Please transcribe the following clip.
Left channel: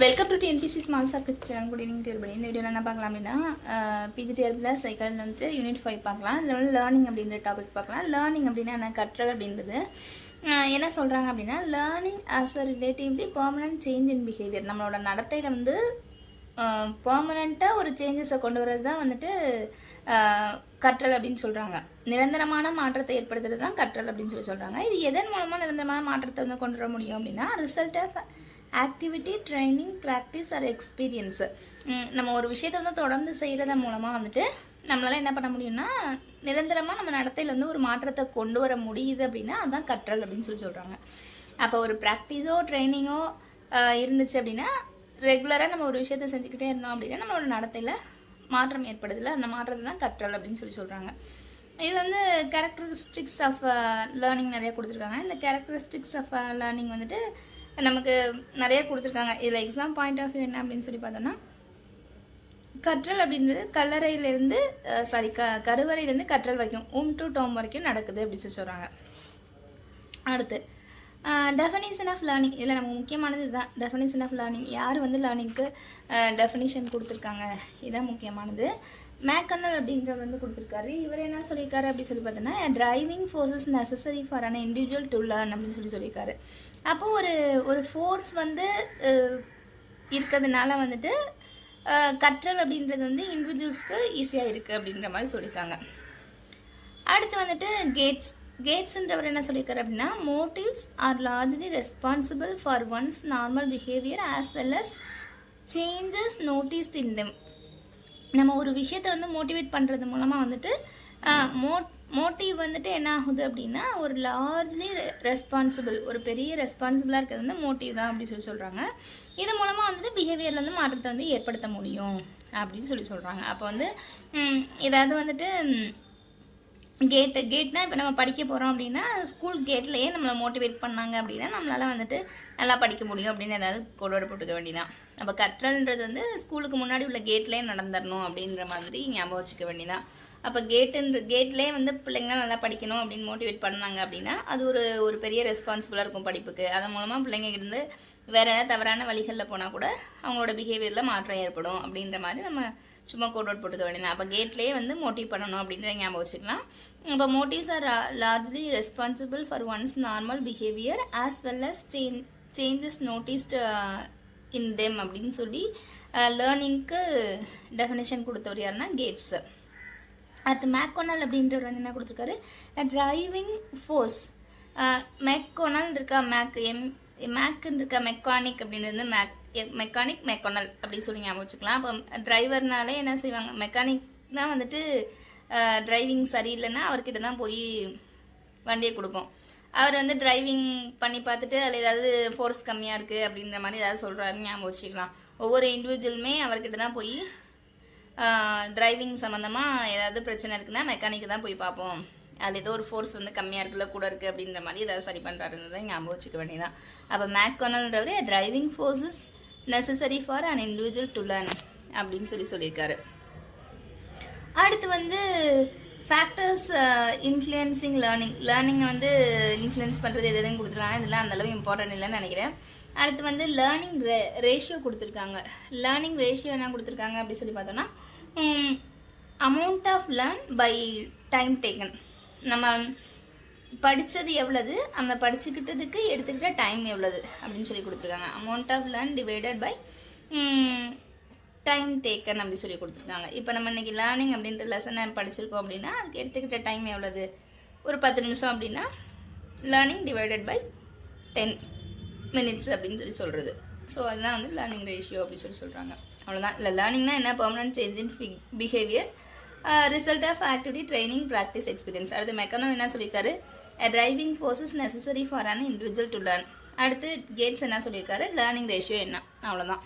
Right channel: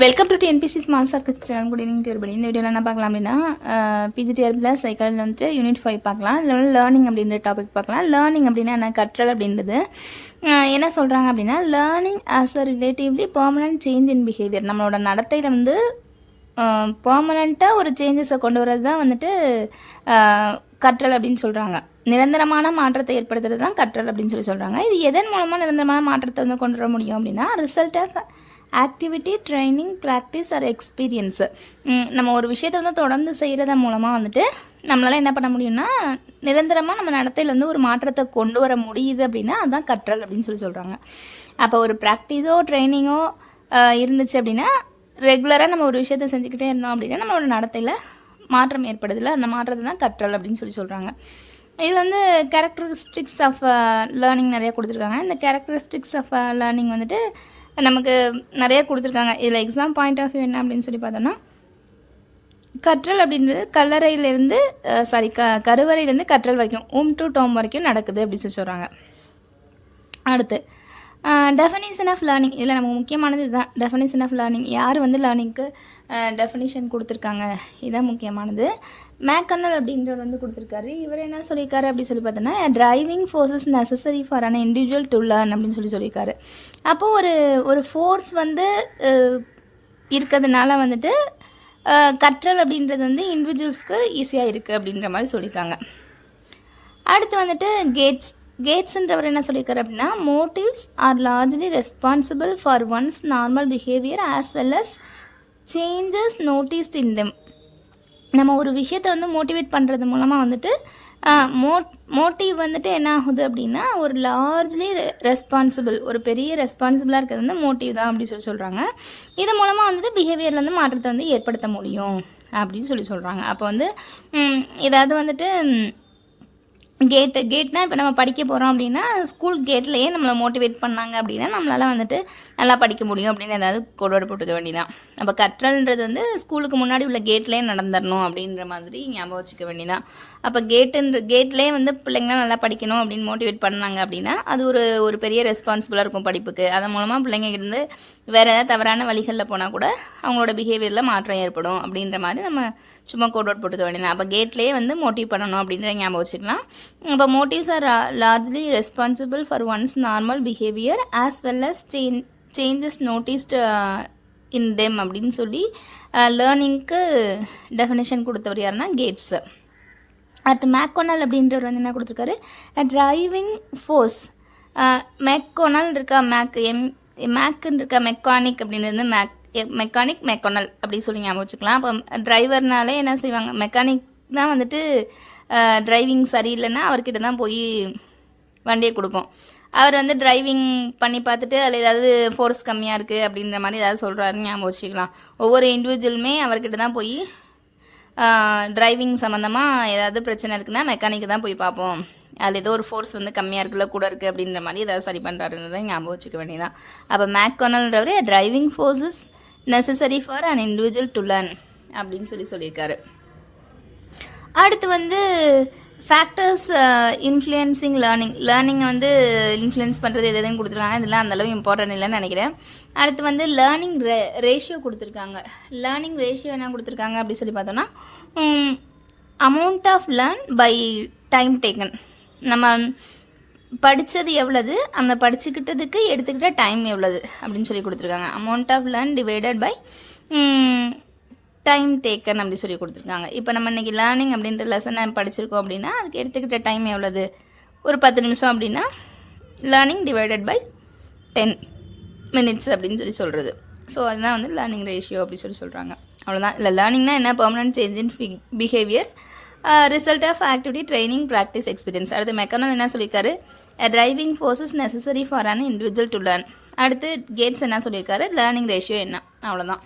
Welcome to TNPC smart circles channel. Good evening dear. இந்த வீடியோவில் என்ன பார்க்கலாம் அப்படின்னா பிஜிடிஆர்பியில் சைக்காலஜியில் வந்துட்டு யூனிட் 5 பார்க்கலாம். இல்லை வந்து லேர்னிங் அப்படின்ற டாபிக் பார்க்கலாம். லேர்னிங் அப்படின்னா என்ன, கற்றல் அப்படின்றது என்ன சொல்கிறாங்க அப்படின்னா, learning as a relatively permanent change in behaviour. நம்மளோட நடத்தையில் வந்து பெர்மனண்ட்டாக ஒரு சேஞ்சஸை கொண்டு வரது தான் வந்துட்டு கற்றல் அப்படின்னு சொல்கிறாங்க. நிரந்தரமான மாற்றத்தை ஏற்படுத்துறது தான் கற்றல் அப்படின்னு சொல்கிறாங்க. இது எதன் மூலமாக நிரந்தரமான மாற்றத்தை வந்து கொண்டு வர முடியும் அப்படின்னா, result of activity, training, practice or experience. நம்ம ஒரு விஷயத்தை வந்து தொடர்ந்து செய்கிறது மூலமாக வந்துட்டு நம்மளால் என்ன பண்ண முடியும்னா, நிரந்தரமாக நம்ம நடத்தையில் வந்து ஒரு மாற்றத்தை கொண்டு வர முடியுது அப்படின்னா அதுதான் கற்றல் அப்படின்னு சொல்கிறாங்க. அப்போ ஒரு ப்ராக்டிஸோ ட்ரைனிங்கோ இருந்துச்சு அப்படின்னா, ரெகுலராக நம்ம ஒரு விஷயத்தை செஞ்சுக்கிட்டே இருந்தோம் அப்படின்னா நம்மளோட நடத்தையில் மாற்றம் ஏற்படுதில்ல, அந்த மாற்றத்தை தான் கற்றல் அப்படின்னு சொல்கிறாங்க. இது வந்து கேரக்டரிஸ்டிக்ஸ் ஆஃப் லேர்னிங் நிறைய கொடுத்துருக்காங்க. இந்த கேரக்டரிஸ்டிக்ஸ் ஆஃப் லேர்னிங் வந்துட்டு நமக்கு நிறைய கொடுத்துருக்காங்க. இதில் எக்ஸாம் பாயிண்ட் ஆஃப் வியூ என்ன அப்படின்னு பார்த்தோன்னா, கற்றல் அப்படின்றது கல்லறையிலேருந்து கருவறையிலேருந்து கற்றல் வரைக்கும் டு டோம் வரைக்கும் நடக்குது அப்படின்னு சொல்கிறாங்க. அடுத்து டெஃபினிஷன் ஆஃப் லேர்னிங். இதில் நமக்கு முக்கியமானது இதுதான், டெஃபினிஷன் ஆஃப் லேர்னிங். யார் வந்து லேர்னிங்க்கு டெஃபினிஷன் கொடுத்துருக்காங்க, இதுதான் முக்கியமானது. மேக்கனல் அப்படின்றவர் வந்து கொடுத்துருக்காரு. இவர் என்ன சொல்லியிருக்காரு அப்படின்னு பார்த்தோன்னா, driving forces necessary for an individual to learn அப்படின்னு சொல்லியிருக்காரு. அப்போது ஒரு ஃபோர்ஸ் வந்து இருக்கிறதுனால வந்துட்டு கற்றல் அப்படின்றது வந்து இண்டிவிஜுவல்ஸ்க்கு ஈஸியாக இருக்குது அப்படின்ற மாதிரி சொல்லியிருக்காங்க. அடுத்து வந்துட்டு கேட்ஸ்ன்றவர் என்ன சொல்லியிருக்காரு அப்படின்னா, motives are largely responsible for one's normal behaviour as well as changes noticed in them. நம்ம ஒரு விஷயத்தை வந்து மோட்டிவேட் பண்ணுறது மூலமாக வந்துட்டு மோட்டிவ் வந்துட்டு என்ன ஆகுது அப்படின்னா, ஒரு லார்ஜ்லி ரெஸ்பான்சிபிள், ஒரு பெரிய ரெஸ்பான்சிபிளாக இருக்கிறது வந்து மோட்டிவ் தான் அப்படின்னு சொல்கிறாங்க. இது மூலமாக வந்துட்டு பிஹேவியரில் வந்து மாற்றத்தை வந்து ஏற்படுத்த முடியும் அப்படின்னு சொல்கிறாங்க. அப்போ வந்து ஏதாவது வந்துட்டு கேட்னா இப்போ நம்ம படிக்க போகிறோம் அப்படின்னா, ஸ்கூல் கேட்லேயே நம்மளை மோட்டிவேட் பண்ணாங்க அப்படின்னா நம்மளால் வந்துட்டு நல்லா படிக்க முடியும் அப்படின்னு ஏதாவது கோட்வேர்டு போட்டுக்க வேண்டியதான். அப்போ கற்றல்ன்றது வந்து ஸ்கூலுக்கு முன்னாடி உள்ள கேட்லேயே நடந்துடணும் அப்படின்ற மாதிரி ஞாபகம் வச்சுக்க வேண்டியதான். அப்போ கேட்லேயே வந்து பிள்ளைங்களாம் நல்லா படிக்கணும் அப்படின்னு மோட்டிவேட் பண்ணாங்க அப்படின்னா அது ஒரு பெரிய ரெஸ்பான்சிபிளாக இருக்கும் படிப்புக்கு. அதன் மூலமாக பிள்ளைங்கிருந்து வேறு ஏதாவது தவறான வழிகளில் போனால் கூட அவங்களோட பிஹேவியரில் மாற்றம் ஏற்படும் அப்படின்ற மாதிரி நம்ம சும்மா கோட்வேர்ட் போட்டுக்க வேண்டியதான். அப்போ கேட்லேயே வந்து மோட்டிவ் பண்ணணும் அப்படின்றத ஞாபகம் வச்சுக்கலாம். அப்போ motives are largely responsible for one's normal behaviour as well as changes noticed in them அப்படின்னு சொல்லி லேர்னிங்க்கு டெஃபினேஷன் கொடுத்தவர் யாருன்னா கேட்ஸு. அடுத்து மேக்கோனல் அப்படின்றவர் வந்து என்ன கொடுத்துருக்காரு, டிரைவிங் ஃபோர்ஸ். மேக்கோனல் இருக்கா, மேக்குன்னு இருக்கா, மெக்கானிக் அப்படின்றது மெக்கானிக் மேக்கோனல் அப்படி சொல்லி ஞாபகம் வச்சுக்கலாம். அப்போ டிரைவர்னாலே என்ன செய்வாங்க, மெக்கானிக் தான் வந்துட்டு டிரைவிங் சரியில்லைன்னா அவர்கிட்ட தான் போய் வண்டியை கொடுப்போம். அவர் வந்து டிரைவிங் பண்ணி பார்த்துட்டு அதில் ஏதாவது ஃபோர்ஸ் கம்மியாக இருக்குது அப்படின்ற மாதிரி ஏதாவது சொல்கிறாருன்னு ஞாபகம் வச்சுக்கலாம். ஒவ்வொரு இண்டிவிஜுவலுமே அவர்கிட்ட தான் போய் டிரைவிங் சம்மந்தமாக ஏதாவது பிரச்சனை இருக்குன்னா மெக்கானிக்கு தான் போய் பார்ப்போம். அதில் ஏதோ ஒரு ஃபோர்ஸ் வந்து கம்மியாக இருக்குல்ல, கூட இருக்குது அப்படின்ற மாதிரி ஏதாவது சரி பண்ணுறாருன்றதை ஞாபகம் வச்சுக்க வேண்டியதான். அப்போ மேக்கோனல்ன்றவர் driving forces necessary for an individual to learn அப்படின்னு சொல்லியிருக்காரு. அடுத்து வந்து ஃபேக்டர்ஸ் இன்ஃப்ளூயன்சிங் லேர்னிங்கை வந்து இன்ஃப்ளூயன்ஸ் பண்ணுறது எதுன்னு கொடுத்துருக்காங்க. இதெல்லாம் அந்தளவு இம்பார்ட்டன்ட் இல்லைன்னு நினைக்கிறேன். அடுத்து வந்து லேர்னிங் ரேஷியோ கொடுத்துருக்காங்க. லேர்னிங் ரேஷியோ என்ன கொடுத்துருக்காங்க அப்படி சொல்லி பார்த்தோன்னா, amount of learn by time taken. நம்ம படித்தது எவ்வளவு, அந்த படிச்சுக்கிட்டதுக்கு எடுத்துக்கிட்ட டைம் எவ்வளவு அப்படின்னு சொல்லி கொடுத்துருக்காங்க. Amount of learn divided by time taken அப்படி சொல்லி கொடுத்துருக்காங்க. இப்போ நம்ம இன்றைக்கி லேர்னிங் அப்படின்ற லெசனை படிச்சிருக்கோம் அப்படின்னா அதுக்கு எடுத்துக்கிட்ட டைம் எவ்வளவு, ஒரு 10 நிமிஷம் அப்படின்னா லேர்னிங் டிவைடட் பை 10 minutes அப்படின்னு சொல்கிறது. ஸோ அதுதான் வந்து லேர்னிங் ரேஷியோ அப்படி சொல்கிறாங்க. அவ்வளோதான். இல்லை லேர்னிங்னா என்ன, permanent change in behaviour, result of activity, training, practice, experience. அடுத்து மெக்கனல் என்ன சொல்லியிருக்காரு, driving forces necessary for an individual to learn. அடுத்து கேட்ஸ் என்ன சொல்லியிருக்காரு, லேர்னிங் ரேஷியோ என்ன. அவ்வளோதான்.